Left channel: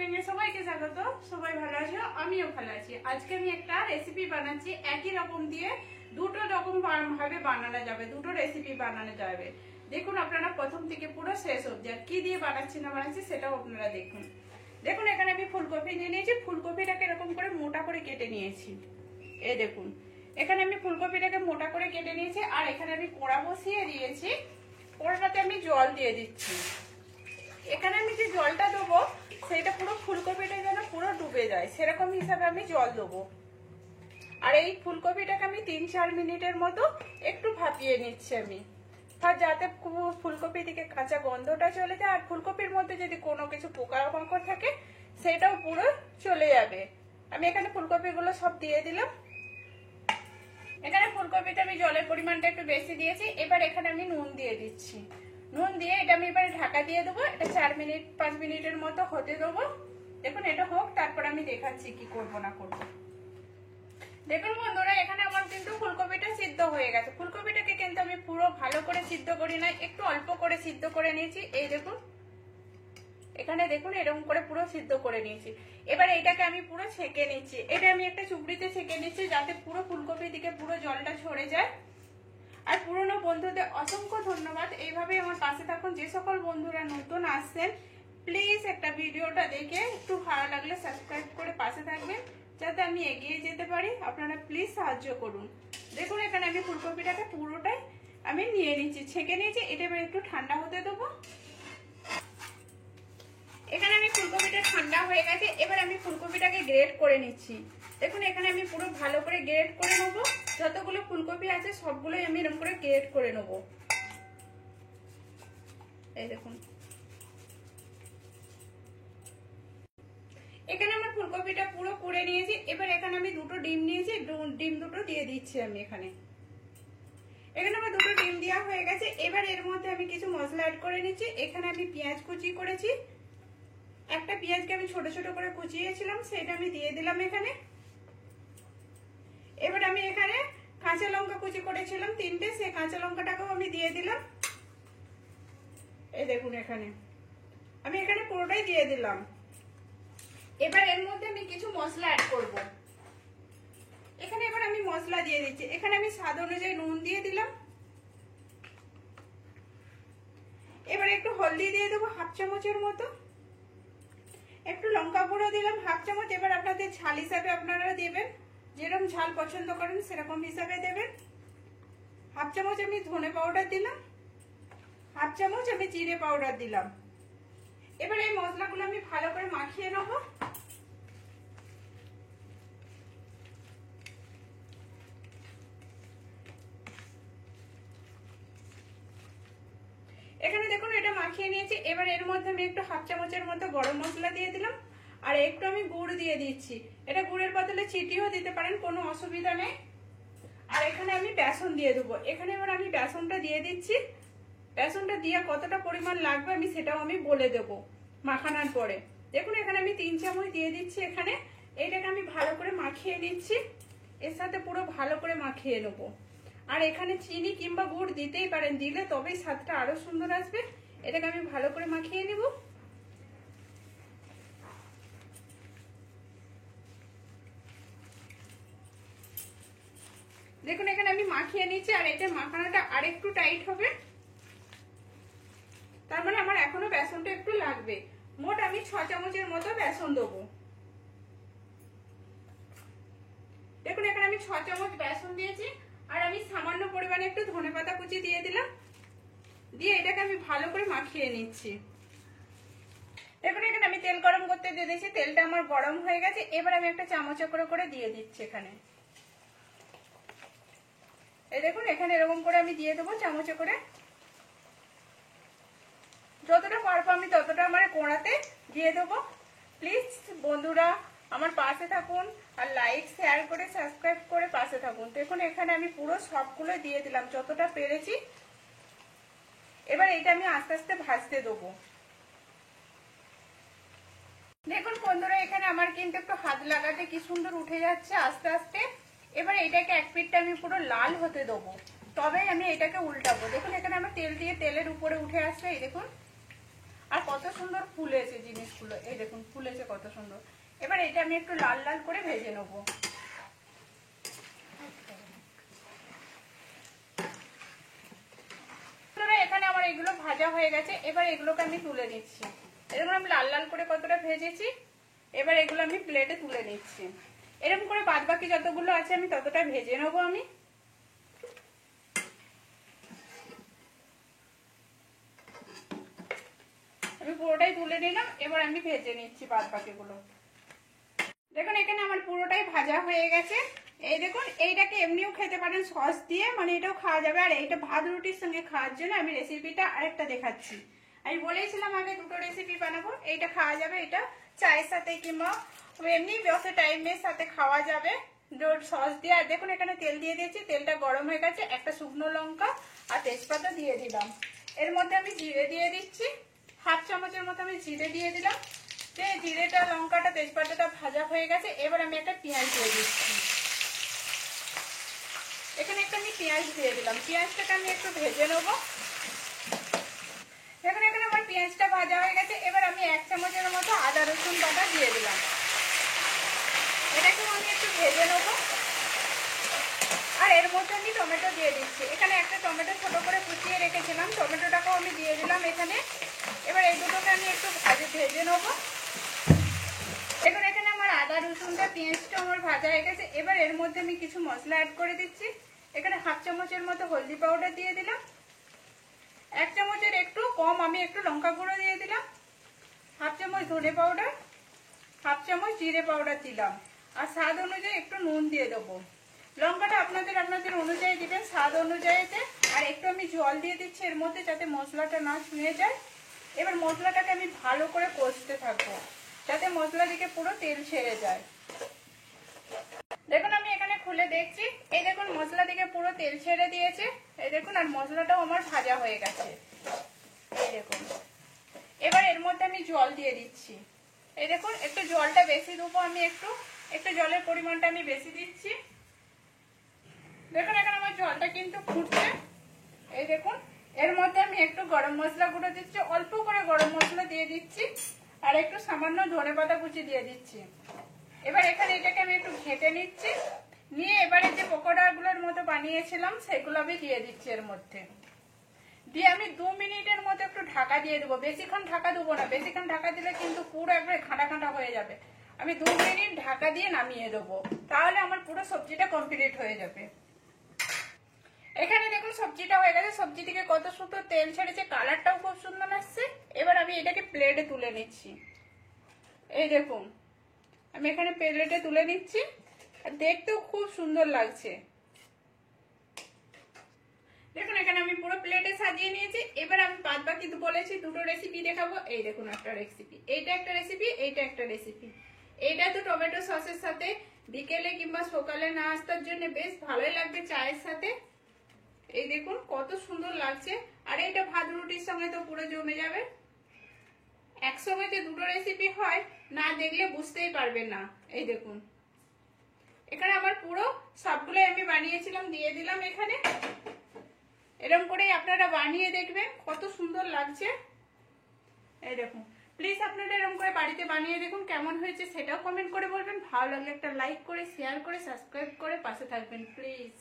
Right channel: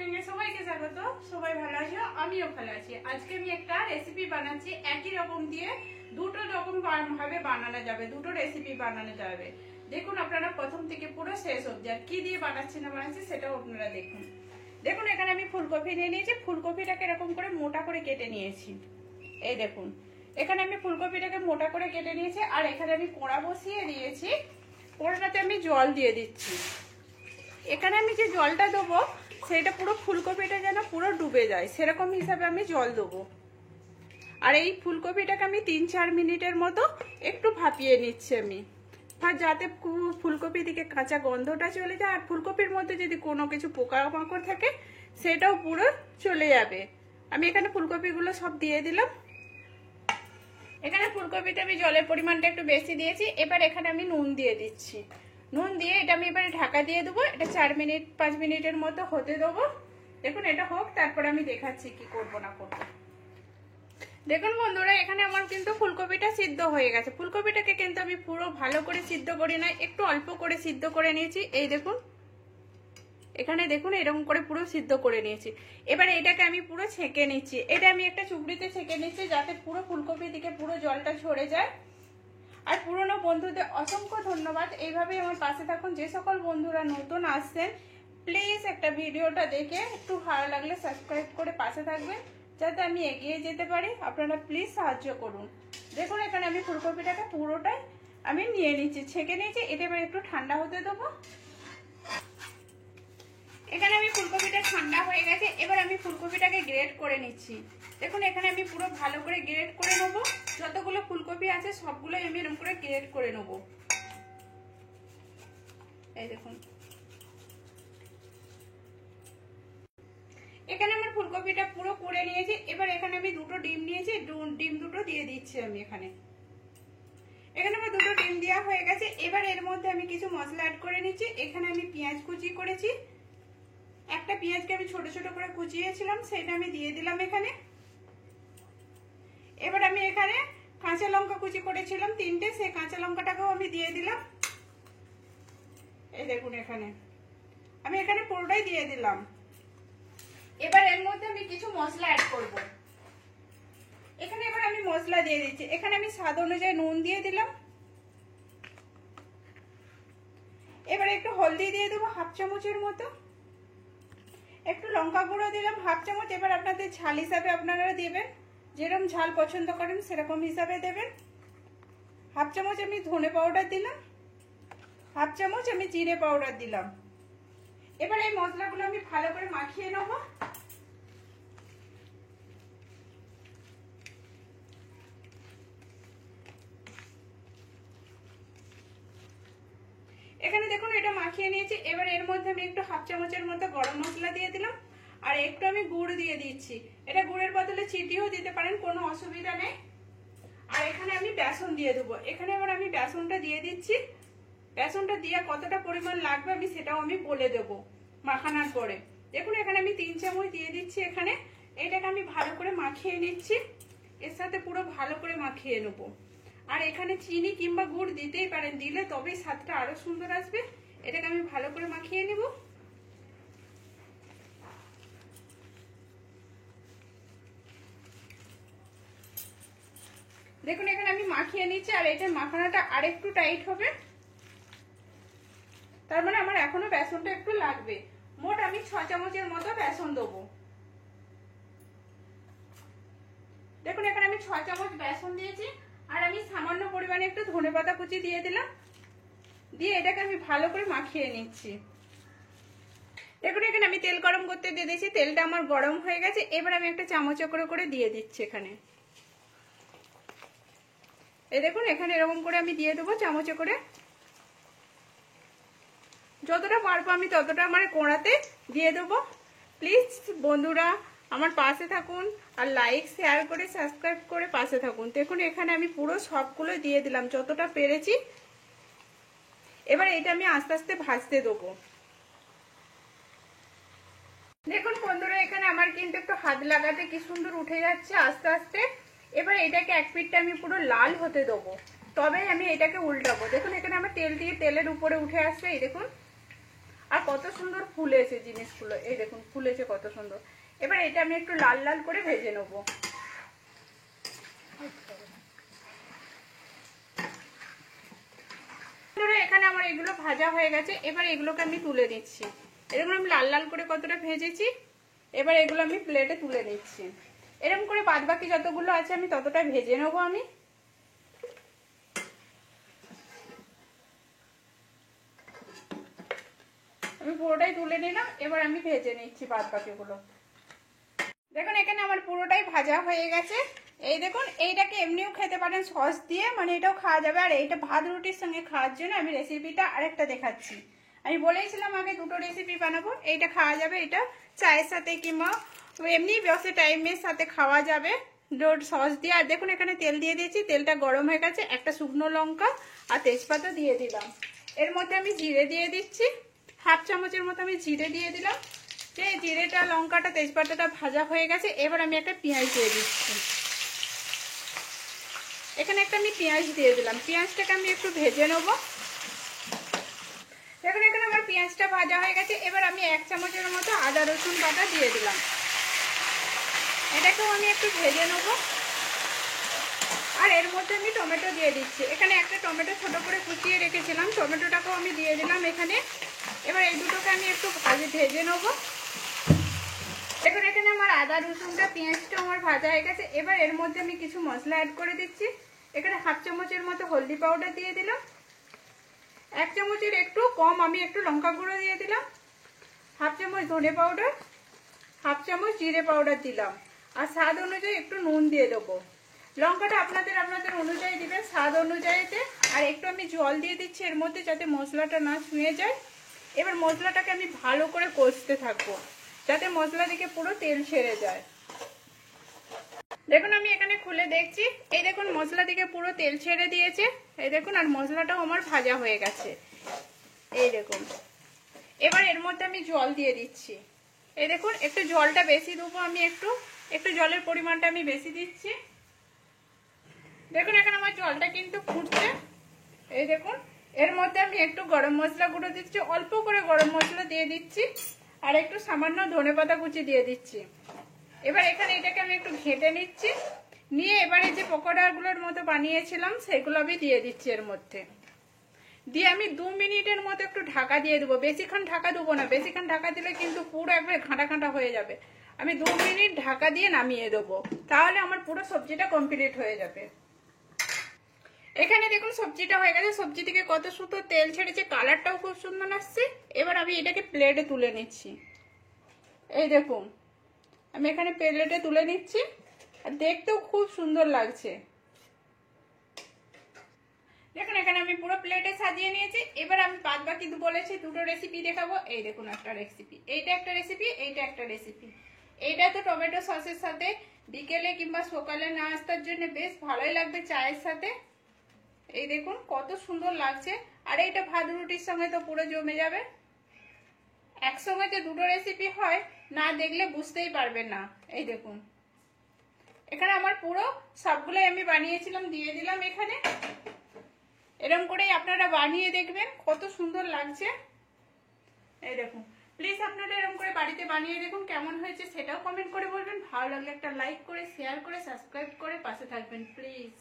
Cooking এর সবাইকে স্বাগত। সবাই ভালো আছো, আমিও ভালো আছি। আজকে আমি একটা রেসিপি বানাচ্ছি, একই রকম দিয়ে দুটো রকম ভাবে বানানো যাবে, দুটো রেসিপি বানানো যাবে। দেখুন আপনারা প্রথম থেকে পুরো শেষ অবধি, আর কি দিয়ে বানাচ্ছি না বানাচ্ছি সেটাও আপনারা দেখুন। দেখুন এখানে আমি ফুলকপি নিয়ে নিয়েছি, ফুলকপিটাকে এরকম করে মোটা করে কেটে নিয়েছি। এই দেখুন এখানে আমি ফুলকপিটাকে মোটা করে কেটে নিয়েছি, আর এখানে আমি কড়া বসিয়ে দিয়েছি। কড়াটাতে আমি জল দিয়ে দিচ্ছি। এখানে আমি যে জলটা দেবো সেটা পুরো ফুলকপিটা যেন পুরো ডুবে যায় সেরকম হিসাবে আমি জল দেবো। আর এই ফুলকপিটাকে আমি 3-4 মিনিটের মতো একটু ভাপিয়ে নিচ্ছি আমি, যাতে ফুলকপি থেকে কাঁচা গন্ধটা চলে যায়, আর ফুলকপির মধ্যে যদি কোনো কিছু পোকামাকড় থাকে সেটাও পুরো চলে যাবে। আমি এখানে ফুলকপিগুলো সব দিয়ে দিলাম। এখানে ফুলকপিটা আমি জলের পরিমাণটা একটু বেশি দিয়েছি। এবার এখানে আমি নুন দিয়ে দিচ্ছি। নুন দিয়ে এটা আমি এবারে ঢাকা দিয়ে দেবো। এটা 4-5 মিনিটের মতো হতে দেবো। দেখুন এটা হোক, তারপরে আমি দেখাচ্ছি কি করবো না করবো। দেখুন বন্ধুরা, এখানে আমার কিন্তু ফুলকপিটা সিদ্ধ হয়ে গেছে। ফুলকপিটাকে কিন্তু আমি পুরো ভালো করে সিদ্ধ করি না, একটু অল্প করে সিদ্ধ করে নিয়েছি। এই দেখুন এখানে দেখুন এরকম করে পুরো সিদ্ধ করে নিয়েছি। এবার এটাকে আমি পুরো ছেঁকে নিচ্ছি। এটা আমি একটা চুবড়িতে ছেঁকে নিচ্ছি যাতে পুরো ফুলকপি দিকে পুরো জলটা ঝরে যায়। আর পুরনো বন্ধুদের অসংখ্য ধন্যবাদ, এইভাবে আমার পাশে থাকুন। যে সকল বন্ধুরা নতুন আসছেন প্লিজ একটা ভিডিওটা দেখে একটু ভালো লাগলে সাবস্ক্রাইব করে পাশে থাকবেন যাতে আমি এগিয়ে যেতে পারি। আপনারা প্লিজ সাহায্য করুন। দেখুন এখানে আমি ফুলকপিটাকে পুরোটাই আমি নিয়ে নিচ্ছি, ছেঁকে নিয়েছি। এটা আমি একটু ঠান্ডা হতে দেবো। এখানে আমি ফুলকপিটা ঠান্ডা হয়ে গেছে। এবার আমি ফুলকপিটাকে গ্রেট করে নিচ্ছি। দেখুন এখানে আমি পুরো ভালো করে গ্রেট করে নেবো। যতগুলো ফুলকপি আছে সবগুলোই আমি এরকম করে গ্রেট করে নেবো। এই দেখুন এখানে আমার ফুলকপিটা পুরো করে নিয়েছি। এবার এখানে আমি দুটো ডিম নিয়েছি, ডিম দুটো দিয়ে দিচ্ছি আমি এখানে। এখানে আমার দুটো ডিম দেওয়া হয়ে গেছে। এবার এর মধ্যে আমি কিছু মশলা অ্যাড করে নিচ্ছি। এখানে আমি পেঁয়াজ কুচি করেছি, একটা পেঁয়াজকে আমি ছোট ছোট করে কুচিয়েছিলাম, সেটা আমি দিয়ে দিলাম এখানে। এবার আমি এখানে কাঁচা লঙ্কা কুচি করেছিলাম 3টে, সেই কাঁচা লঙ্কাটাকেও আমি দিয়ে দিলাম। এই দেখুন এখানে আমি এখানে পুরোটাই দিয়ে দিলাম। এবার এর মধ্যে আমি কিছু মশলা অ্যাড করব। এখানে এবার আমি মশলা দিয়ে দিচ্ছি। এখানে আমি স্বাদ অনুযায়ী নুন দিয়ে দিলাম। এবার একটু হলদি দিয়ে দেবো 1/2 চামচের মতো, একটু লঙ্কা গুঁড়ো দিলাম 1/2 চামচ। এবার আপনাদের ঝাল হিসাবে আপনারা দেবেন, যেরকম ঝাল পছন্দ করেন সেরকম হিসাবে দেবেন। 1/2 চামচ আমি ধনে পাউডার দিলাম, 1/2 চামচ আমি জিরে পাউডার দিলাম। এবার এই মশলাগুলো আমি ভালো করে মাখিয়ে নেব। এখানে দেখুন এটা মাখিয়ে নিয়েছি। এবার এর মধ্যে আমি একটু 1/2 চামচের মতো গরম মশলা দিয়ে দিলাম, আর একটু আমি গুড় দিয়ে দিচ্ছি। এটা গুড়ের বদলে চিনিও দিতে পারেন, কোনো অসুবিধা নেই। আর এখানে আমি বেসন দিয়ে দেবো। এখানে এবার আমি বেসনটা দিয়ে দিচ্ছি। বেসনটা দিয়ে কতটা পরিমাণ লাগবে আমি সেটাও আমি বলে দেবো মাখানোর পরে। দেখুন এখানে আমি 3 চামচ দিয়ে দিচ্ছি। এখানে এটাকে আমি ভালো করে মাখিয়ে নিচ্ছি, এর সাথে পুরো ভালো করে মাখিয়ে নেবো। আর এখানে চিনি কিংবা গুড় দিতেই পারেন, দিলে তবেই স্বাদটা আরো সুন্দর আসবে। এটাকে আমি ভালো করে মাখিয়ে নেব। দেখুন এখানে আমি মাখিয়ে নিচ্ছি, আর এটা মাখানোটা আরেকটু টাইট হবে, তার মানে আমার এখনো বেসনটা একটু লাগবে। মোট আমি 6 চামচের মতো বেসন দেবো। দেখুন এখানে আমি 6 চামচ বেসন দিয়েছি, আর আমি সামান্য পরিমাণে একটু ধনেপাতা কুচি দিয়ে দিলাম, দিয়ে এটাকে আমি ভালো করে মাখিয়ে নিচ্ছি। দেখুন এখানে আমি তেল গরম করতে দিয়ে দিয়েছি, তেলটা আমার গরম হয়ে গেছে। এবার আমি একটা চামচ করে দিয়ে দিচ্ছি এখানে। এই দেখুন এখানে এরকম করে আমি দিয়ে দেবো চামচে করে। যতটা পারবো আমি ততটা আমার কড়াতে দিয়ে দেবো। প্লিজ বন্ধুরা আমার পাশে থাকুন, আর লাইক শেয়ার করে সাবস্ক্রাইব করে পাশে থাকুন। দেখুন এখানে আমি পুরো সবগুলো দিয়ে দিলাম যতটা পেরেছি। এবার এটা আমি আস্তে আস্তে ভাজতে দেবো। দেখুন বন্ধুরা এখানে আমার কিন্তু একটু হাত লাগাতে কি সুন্দর উঠে যাচ্ছে আস্তে আস্তে। এবার এটাকে এক পিঠটা আমি পুরো লাল হতে দেবো, তবে আমি এটাকে উল্টাবো। দেখুন এখানে আমার তেল দিয়ে তেলের উপরে উঠে আসছে। এই দেখুন আর কত সুন্দর ফুলেছে জিনিসগুলো, এই দেখুন ফুলেছে কত সুন্দর। এবার এটা আমি একটু লাল লাল করে ভেজে নেবো। এখানে আমার এগুলো ভাজা হয়ে গেছে, এবার এগুলোকে আমি তুলে নিচ্ছি। এরকম আমি লাল লাল করে কতটা ভেজেছি, এবার এগুলো আমি প্লেটে তুলে নিচ্ছি। এরকম করে বাদ বাকি যতগুলো আছে আমি ততটা ভেজে নেবো। আমি পুরোটাই তুলে নিলাম, এবার আমি ভেজে নিচ্ছি বাদ বাকিগুলো। দেখুন এখানে আমার পুরোটাই ভাজা হয়ে গেছে। এই দেখুন, এইটাকে এমনিও খেতে পারেন সস দিয়ে, মানে এটাও খাওয়া যাবে। আর এইটা ভাত রুটির সঙ্গে খাওয়ার জন্য আমি রেসিপিটা আরেকটা দেখাচ্ছি। আমি বলেছিলাম আগে দুটো রেসিপি বানাবো। এইটা খাওয়া যাবে, এটা চায়ের সাথে কিংবা এমনি বসে টাইমের সাথে খাওয়া যাবে সস দিয়ে। আর দেখুন এখানে তেল দিয়ে দিয়েছি, তেলটা গরম হয়ে গেছে। একটা শুকনো লঙ্কা আর তেজপাতা দিয়ে দিলাম। এর মধ্যে আমি জিরে দিয়ে দিচ্ছি, হাফ চামচের মতো আমি জিরে দিয়ে দিলাম। যে জিরেটা লঙ্কাটা তেজপাতাটা ভাজা হয়ে গেছে, এবার আমি একটা পেঁয়াজ দিয়ে দিচ্ছি। এখানে একটা আমি পেঁয়াজ দিয়ে দিলাম, পেঁয়াজটাকে আমি একটু ভেজে নেবো। দেখুন এখানে আমার পেঁয়াজটা ভাজা হয়ে গেছে, এবার আমি 1 চামচের মতো আদা রসুন বাটা দিয়ে দিলাম। এটাকেও আমি একটু ভেজে নেবো। আর এর মধ্যে আমি টমেটো দিয়ে দিচ্ছি। এখানে একটা টমেটো ছোট করে কুচিয়ে রেখেছিলাম, টমেটোটাকেও আমি দিয়ে দিলাম এখানে। এবার এই দুটোকে আমি একটু ভেজে নেবো। এবার এখানে আমার আদা রসুনটা পেঁয়াজটা আমার ভাজা হয়ে গেছে। এবার এর মধ্যে আমি কিছু মশলা অ্যাড করে দিচ্ছি। এখানে হাফ চামচের মতো হলদি পাউডার দিয়ে দিলাম, 1 চামচের একটু কম আমি একটু লঙ্কা গুঁড়ো দিয়ে দিলাম, হাফ চামচ ধনে পাউডার, হাফ চামচ জিরে পাউডার দিলাম। আর স্বাদ অনুযায়ী একটু নুন দিয়ে দেবো। লঙ্কাটা আপনাদের অনুযায়ী দিবেন, স্বাদ অনুযায়ীতে। আর একটু আমি জল দিয়ে দিচ্ছি এর মধ্যে, যাতে মশলাটা না ছুঁয়ে যায়। এবার মশলাটাকে আমি ভালো করে কষতে থাকবো, যাতে মশলা দিকে পুরো তেল ছেড়ে যায়। দেখুন আমি এখানে খুলে দেখছি, এই দেখুন মশলা দিকে পুরো তেল ছেড়ে দিয়েছে। এই দেখুন, আর মশলাটাও আমার ভাজা হয়ে গেছে। এই দেখুন, এবার এর মধ্যে আমি জল দিয়ে দিচ্ছি। এই দেখুন, একটু জলটা বেশি দেবো আমি, একটু জলের পরিমাণটা আমি বেশি দিচ্ছি। দেখুন এখানে আমার জলটা কিন্তু ফুটছে। এই দেখুন, এর মধ্যে আমি একটু গরম মশলা গুঁড়ো দিচ্ছি, অল্প করে গরম মশলা দিয়ে দিচ্ছি। আর একটু সামান্য ধনেপাতা কুচি দিয়ে দিচ্ছি। এবার এখানে এটাকে আমি একটু ঘেঁটে নিচ্ছি, নিয়ে এবারে যে পকোড়াগুলোর মতো বানিয়েছিলাম সেগুলো আমি দিয়ে দিচ্ছি এর মধ্যে। দিয়ে আমি 2 মিনিটের মতো একটু ঢাকা দিয়ে দেবো। বেশিক্ষণ ঢাকা দেবো না, বেশিক্ষণ ঢাকা দিলে কিন্তু পুরো একবারে ঘাঁটা ঘাঁটা হয়ে যাবে। আমি 2 মিনিট ঢাকা দিয়ে নামিয়ে দেবো, তাহলে আমার পুরো সবজিটা কমপ্লিট হয়ে যাবে। এখানে দেখুন সবজিটা হয়ে গেছে, সবজি থেকে কত সুন্দর তেল ছেড়েছে, কালারটাও খুব সুন্দর আসছে। এবার আমি এটাকে প্লেটে তুলে নিচ্ছি। এই দেখুন আমি এখানে প্লেটে তুলে নিচ্ছি, আর দেখতেও খুব সুন্দর লাগছে। দেখুন এখানে আমি পুরো প্লেটে সাজিয়ে নিয়েছি। এবার আমি বাদ বাকি বলেছি দুটো রেসিপি দেখাবো। এই দেখুন একটা রেসিপি, এইটা একটা রেসিপি, এইটা একটা রেসিপি। এইটা তো টমেটো সসের সাথে বিকেলে কিংবা সকালে নাস্তার জন্য বেশ ভালোই লাগবে চায়ের সাথে। এই দেখুন কত সুন্দর লাগছে। আর এইটা ভাত রুটির সঙ্গে তো পুরো জমে যাবে। একসঙ্গে যে দুটো রেসিপি হয়, না দেখলে বুঝতেই পারবেন না। এই দেখুন এখানে আমার পুরো সবগুলো আমি বানিয়েছিলাম, দিয়ে দিলাম এখানে। এরকম করেই আপনারা বানিয়ে দেখবেন কত সুন্দর লাগছে। এই দেখুন, প্লিজ আপনারা এরকম করে বাড়িতে বানিয়ে দেখুন, কেমন হয়েছে সেটাও কমেন্ট করে বলবেন। ভালো লাগলে একটা লাইক করে, শেয়ার করে, সাবস্ক্রাইব করে পাশে থাকবেন প্লিজ।